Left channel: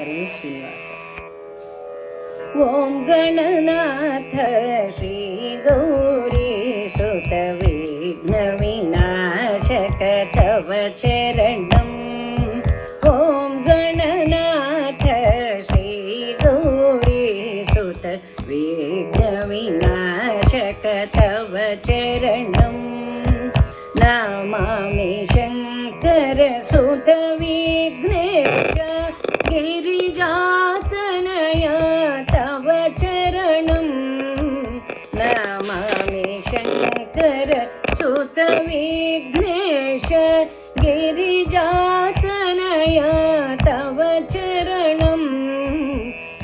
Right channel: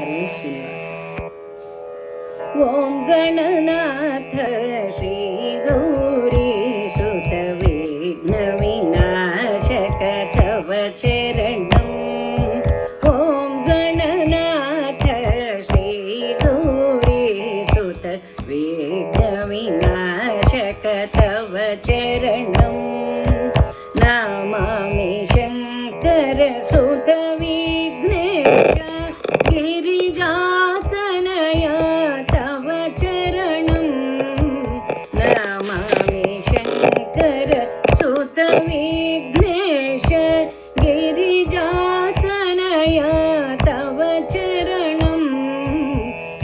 हरे श्रीनिवास। ओम गणनाथ श्री गौरीसुत विघ्न विनाशक तव चरणम्। ओम गणनाथ श्री गौरीसुत विघ्न विनाशक तव चरणम्। नमामि शंकर सुत विघ्नेश गिरिजातनया तव चरणम्। नमामि शंकर सुत विघ्नेश गिरिजातनया तव चरणम्।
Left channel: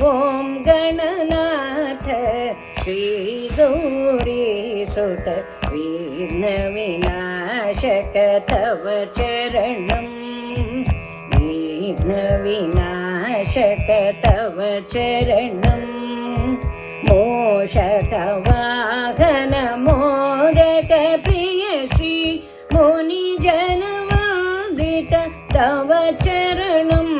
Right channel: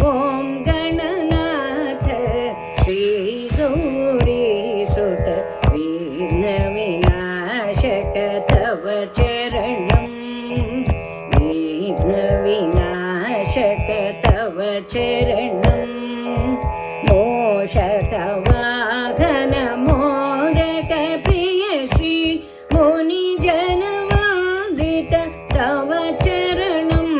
ओम गणनाथ श्री गौरीसुत विघ्न विनाशक तव चरणम्। विघ्न विनाशक तव चरणम्। मोषक वाहन मोदक प्रिय श्री मुनिजन वन्दित तव चरणम्।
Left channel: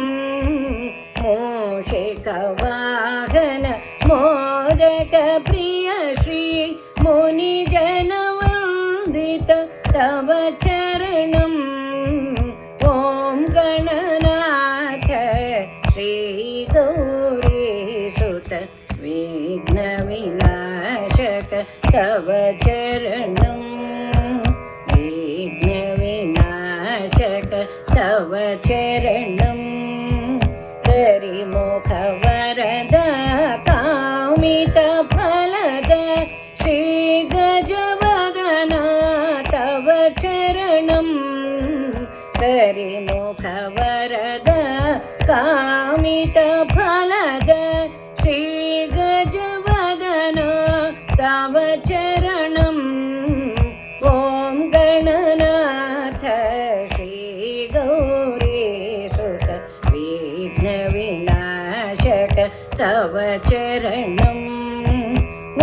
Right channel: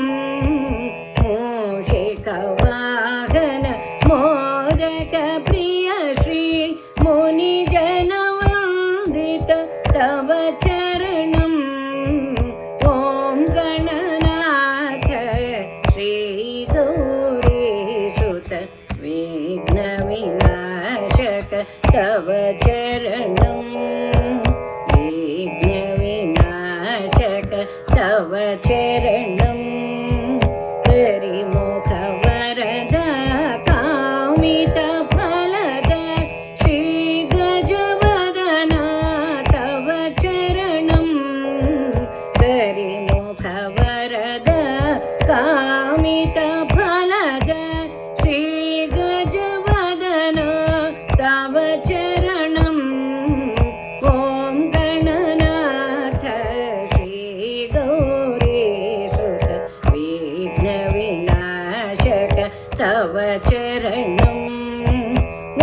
मोषक वाहन मोदक प्रिय श्री मुनिजन वन्दित तव चरणम्। ओम गणनाथ श्री गौरीसुत विघ्न विनाशक तव चरणम्। विघ्न विनाशक तव चरणम्। करिमुख वरद कामित फलद श्री गजवदना तव चरणम्। करिमुख वरद कामित फलद श्री गजवदना तव चरणम्। ओम गणनाथ श्री गौरीसुत विघ्न विनाशक तव चरणम्।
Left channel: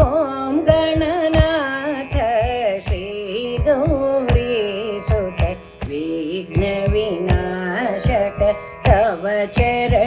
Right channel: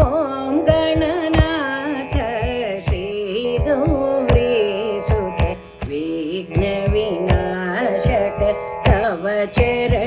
ओम गणनाथ श्री गौरीसुत विघ्न विनाशक तव चरणम्।